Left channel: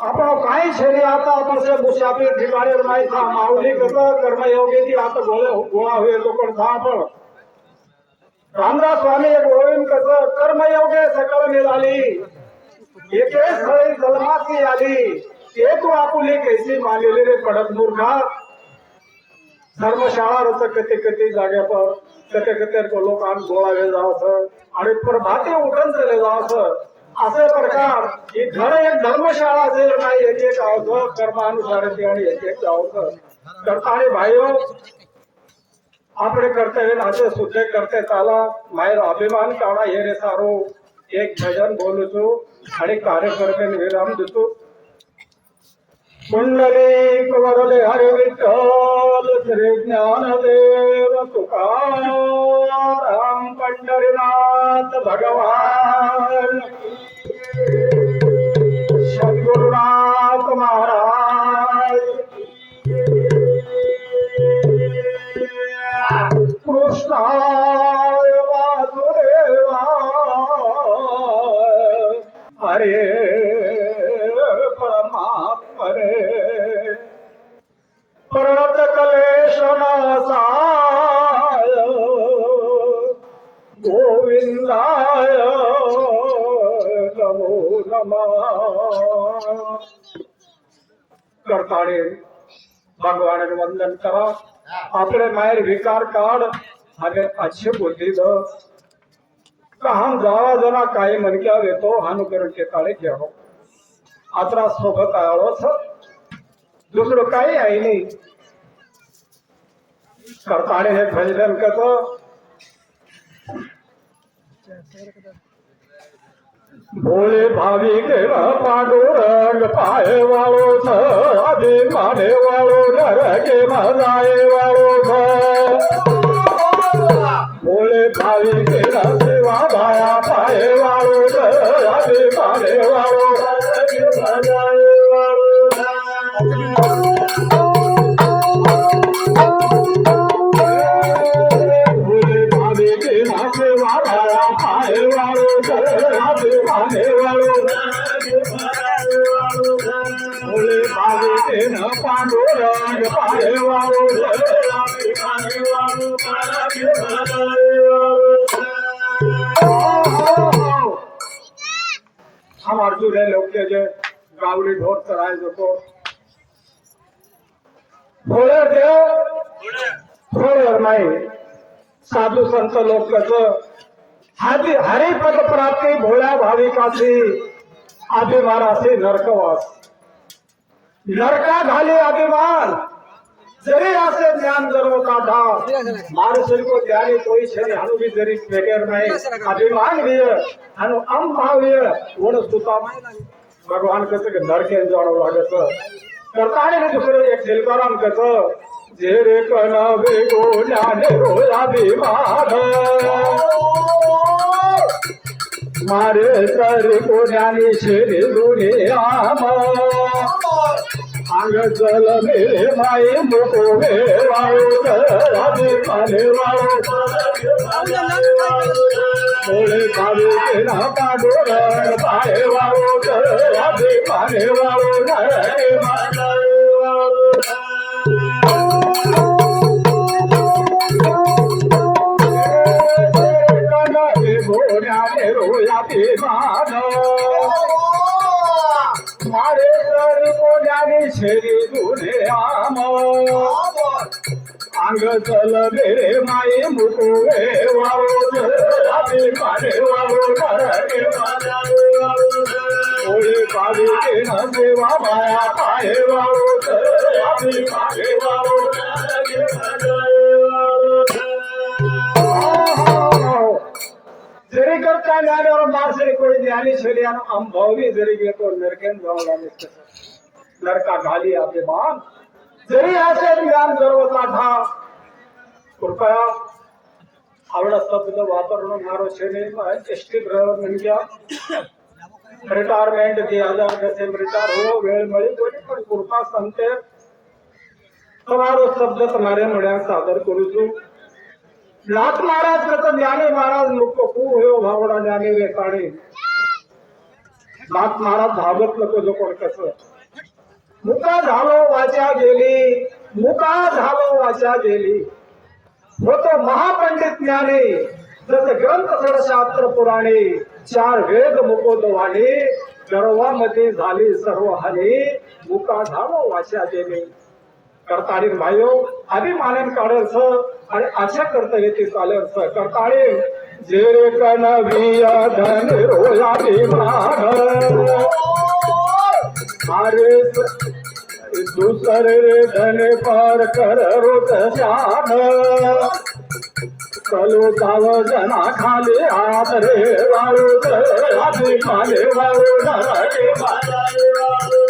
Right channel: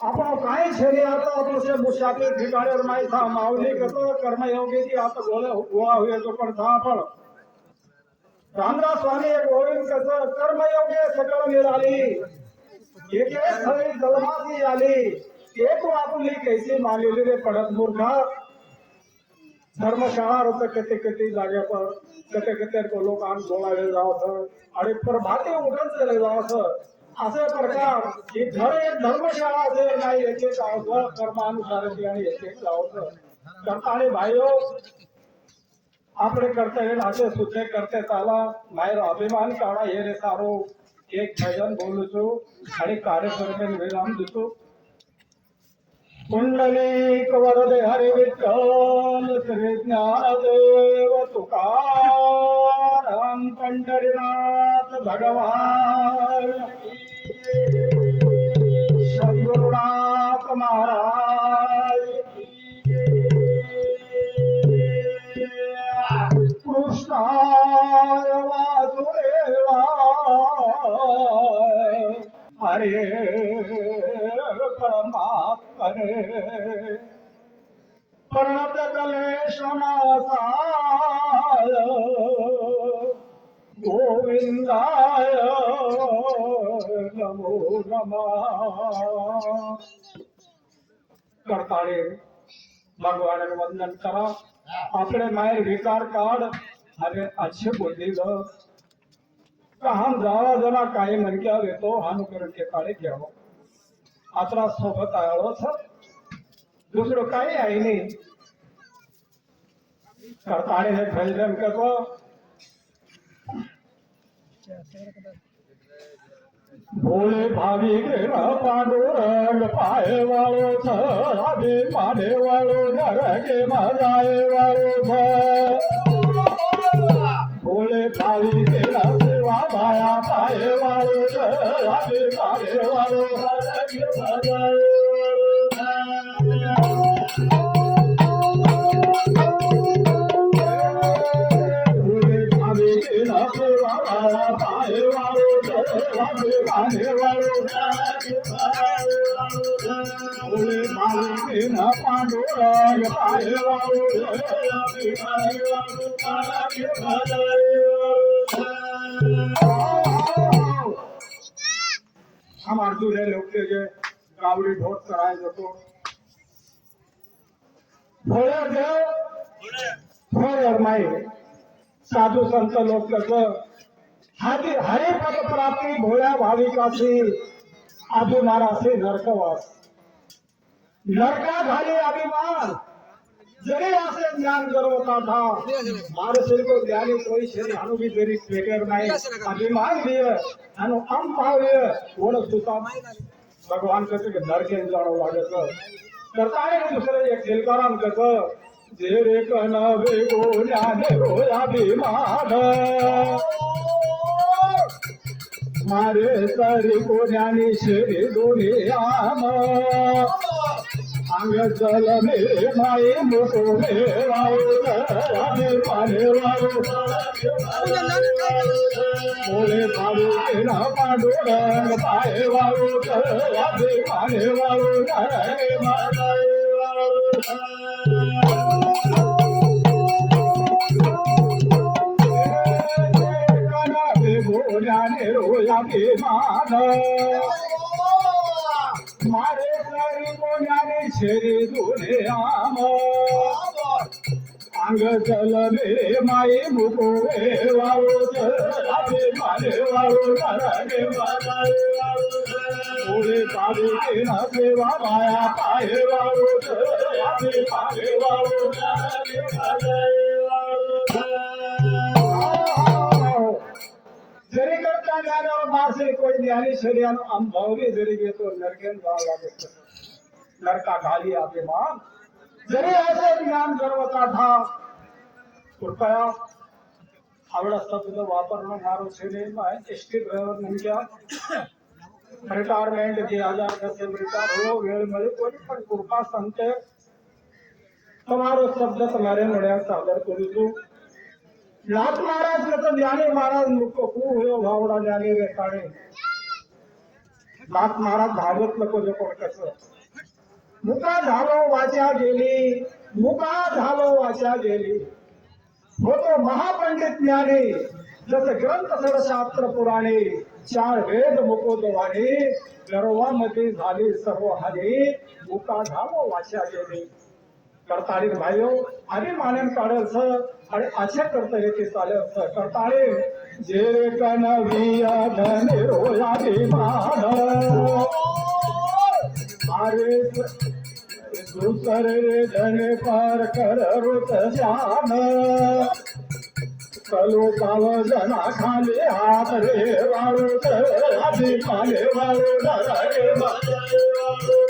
आपण काही शरी आता तसे मुसाफिर ठिकाणी नाही था माऊली कसं कर्मयोगी ती आता गोळे गोळा हुए तो पण था आपण रामदास स्वामी एक गोविंद कस कर्मयोगे सकल निघाली एके स्थळी जन्माची आली ते तू आपुली कैसी मानलेली रे पडत मूर्खा धर्मशाळा रच कते कते जाग्या पर कते कते लोकांन गोळावे जावस आणि प्रभाती उठून झाले जावस असं प्रकार ही धर्म धर्मशाळा जर नाही एक एक अवघ कर्मानुसार आणि एक एक अवघ करता आणि भाईओ आपले कर्तव्य असे सुद्धा करते चाला. माहेर अभिमान काढा हे रे सारो. एक भजन बोलूचो आणि कार्यकर्ते विराम देतो. कुंडली दे हरे विठ्ठल श्री ज्ञानदेव तुकाराम पंढरीनाथ भगवान. गोविंदाय नमो करताळे भगवान वंदन करा. आपले माहेर विकार काढ. आणि अच्छे बोलली हम काही मनक्या येतो हानुकरणचे काळे घेऊ. आता सोबत आळोस दुसरं काही आहे नाही. करताळे हे भजन करतो. भोळे भाविक पांडुरंग पाय वाळो सदे माने वाळो नरके मजाये अभिमाने वाळो भोळे हम अर्जुन है लोग के जे गावड़ी ढोर चराए जको थोडे देव थोडे नाही साधू संत लोक कसं हरि हरिपद प्राप्ती भोळ्या भाविकाशी अभिमानाचे नरकवास. नरका झाले अभिमान. जरी असे ज्ञान जर काढा माणूस को ज्ञानी कोई शरी हनु भी जरी फेकेर नाही अभिमान भी हनु अम भाव्य गुण सुता भगवान कसं नरके जाणव लागत. करता आणि दुसरं एक दिलकाराम कसं? जे रे कन वेगो रोया रो अभिमान मारे सर को ज्ञानी शेरे दोने आम अंग चल मेरे भाई मुको वे वाळो अभिमाने वाळो भोळे भावे तेना पांडुर पाय वाळो अभिमाने वाळो रोया मारे सर कोण्याने शेरी दुने आम अंग चल मेरे माई मुकुवे वाळो अभि माने वाळो नरके थोडे पावी के न सेवा माया पाय वाळो अभि माने वाळो जरी करता ज्ञानावर मासे कोई ज्ञानी शरीरानं अंभावली जरी घेतो नरकेन जाऊ लागत नरका घाली आपले मान जरी असे ज्ञान गर्व काढा कृपया आवड शब्द वापरणं मारो छेने एसटी ड्रायव्हर नेमक्या रिटायरमेंट दी हजार कसे रिटायर हो वेळ मिळेल कोणी पण कृपा सांगते તમારો શબ્દ તમારે મળ્યા સાદર કરું છું नाथ महाराज का तो ज्ञाने महाराज लोग लोक खूप हो भावडा ज्ञाने रे काळे नाथ महाराज धावत जो कर कस. मुका झालो वाचा गेली. मुका झालो वाचा गेली. होतो महापंडित ज्ञाने. जस ग्रंथ षडशास्त्र पुराणे चार वेद मुको तो मुकोदवाने गर्वामध्ये झाले सर्व हाले मुका झालो वाचा गेले. करताळी भाईयो हो. अभिमानेन काढेल स आणि अशा करता ते चालेल स करताळी. जे रे कन विया धन रोया विमान अरे दुसरे धन पार कर रोत चलो जाव जना खाली हात रे वाळू आधी खाले वाळू नरके वाळू.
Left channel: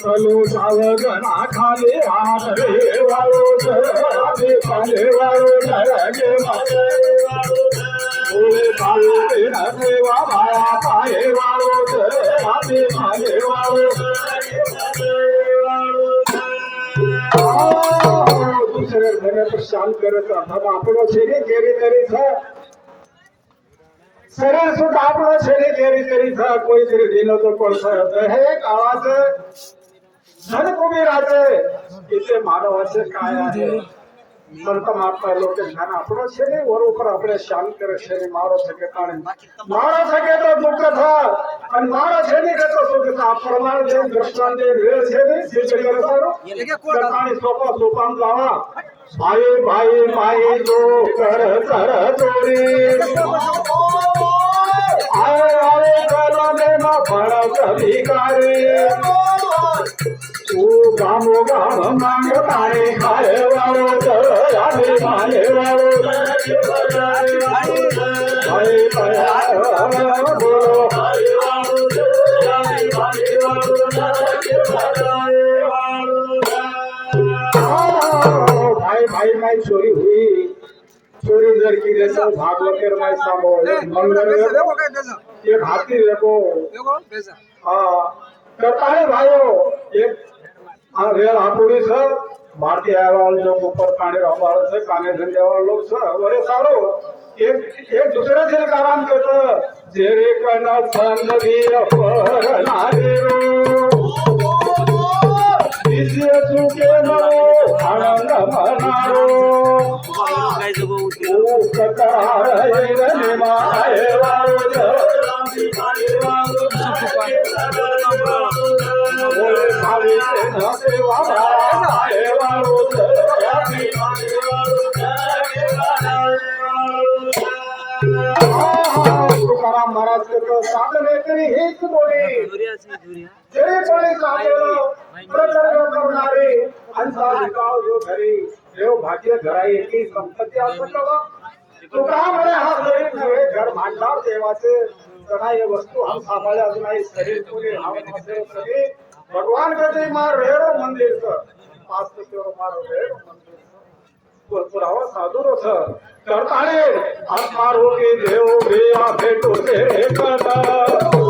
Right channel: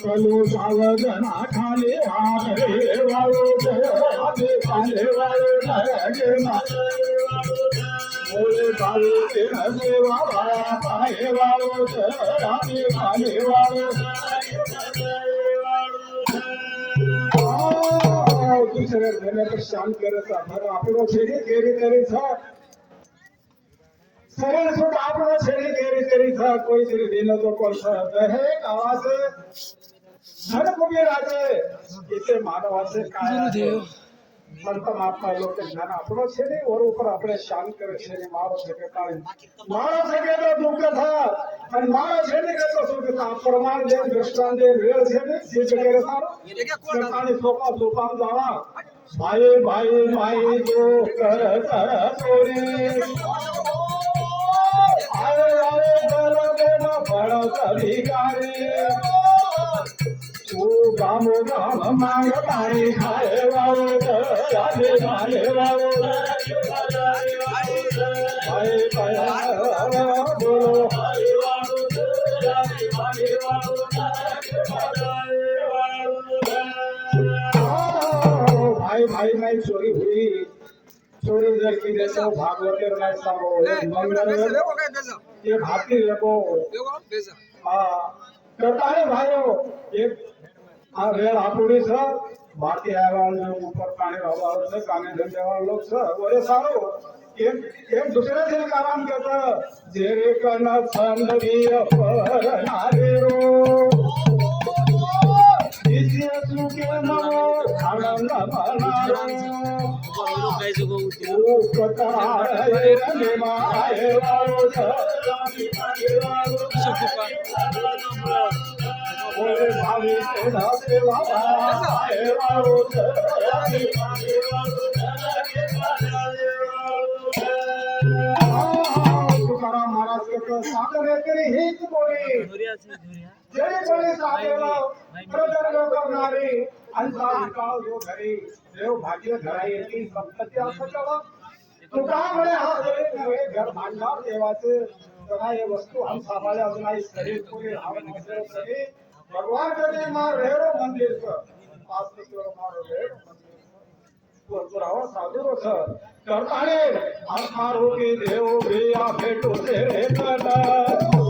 चलो सावगना खाली हात रे वाळो रे खाली वाळो रे ओळे पाले देवा माया पाये वाळो रे खाली वाळो दूसरे घर पर शांत करत हम आपणो छेडे केरी तरी छ शरीर सुद्धा आपलं शरीर गेरी तरी छ कोणीतरी दिलं तो कोळसा हे धनभूमी राजे इथे मानवाचे काय आहे संत महात्मा लोक ज्ञान આપણો છે ને વર ઉપર આપણે શાંત કરે છે ને મારો શકે તાણે મારો શકે તો દુઃખ થા અને મારો છે ને કે તો સુખ થા પ્રમાણ જે દ્રષ્ટાંત જે વેળ છે ને સિદ્ધ કરે સારો તાણે સોપો સોપાન જાવા ભાઈ ભાઈ માઈ જો કર કર ચોરી આય આરે ગલા ને ના ભણત ભિખારી రాము రామ మాంగ తానే హరవావు రామే మాలేవావు भाई भाई चोरी हुई चोरी जर की जैसे भागवतेर माय सामो मंगलेर एक हाथी देखो देखो कैसा हां करता है भाइयों एक సార్ భారతీయ వాళ్ళు ऊपर काने राहणार सर काने धंद्यावर लोक सर अरे सारो एक एक दुसऱ्याचे कारण करत. जे रे काना चांदवी अपरणारे रो दिसे सुके नवो आनंद मनारो. बोली जरी कोणी साधेलो प्रकरण करणारे अंसा विकाव जो घरी देव भाग्य घराई की संपत्ती असं कळलं तुकाराम म्हणे हा जरी नव्हे घर भांडार देवाचे. त्यांना हे वस्तू हम सांभाळे अजून आई शरीर कोणी राहून असेल तरी भगवान कधी मार रेडो मंदिर कर पाच तेवढं मार रेडो मंदिर पुरावा साधू रस करताने देव भेटो तेरे कर्ण.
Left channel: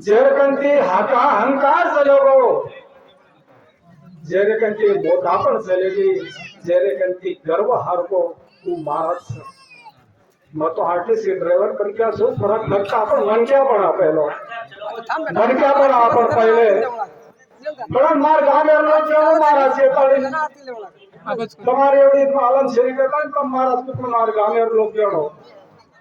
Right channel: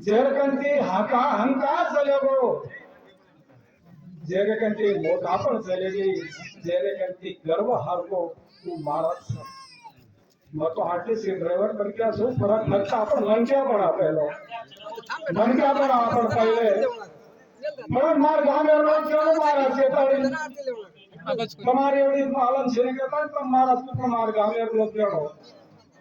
જેરકંતી હાકા અહંકાર સહયોગો જેરકંતી મોટા પણ સલેગી જેરકંતી ગર્વ હારકો તું મારત છે. માં તો હાટલી ડ્રાઈવર પણ ક્યાં શું ફરક લગતા પણ વણક્યા પણ આપેલો વણક્યા પણ આપણ પહેલે. પણ માર ગામે નો કેવો મારા છે તમારે એવડી પાલન શ્રી કરતા મારા પણ માર ગામે નો કેળો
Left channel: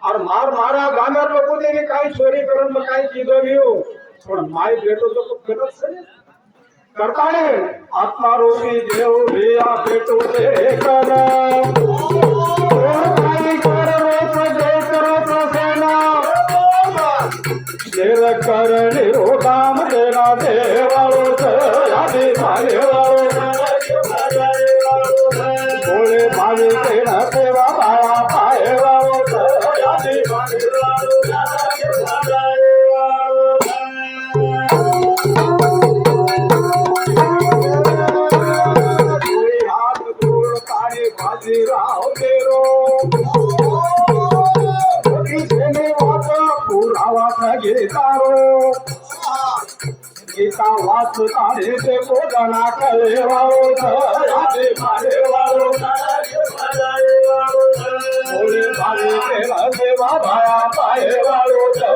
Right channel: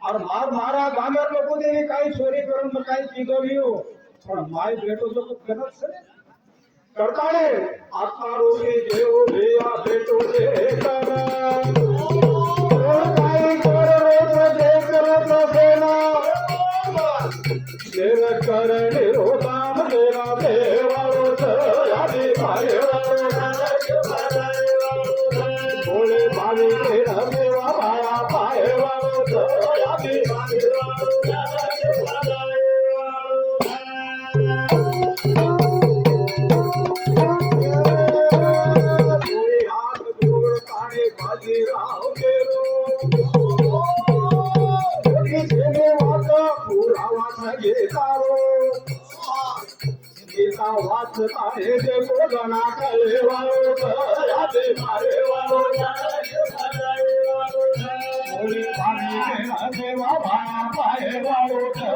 અને માર મારા ગામના લોકો એને કાંઈ ચોરી કરવાનું કાંઈ કીધો ગયું પણ માય બેટો તો ગલત છે કરતા ને આત્મા રોગી દેવ રે આ બેટો રે કરા करणी रो काम देना, देव का वाच काढे ते कोदना कळे वाळोदे मारे वाळोदे भावे केला देवा भाया पाये वाळोदे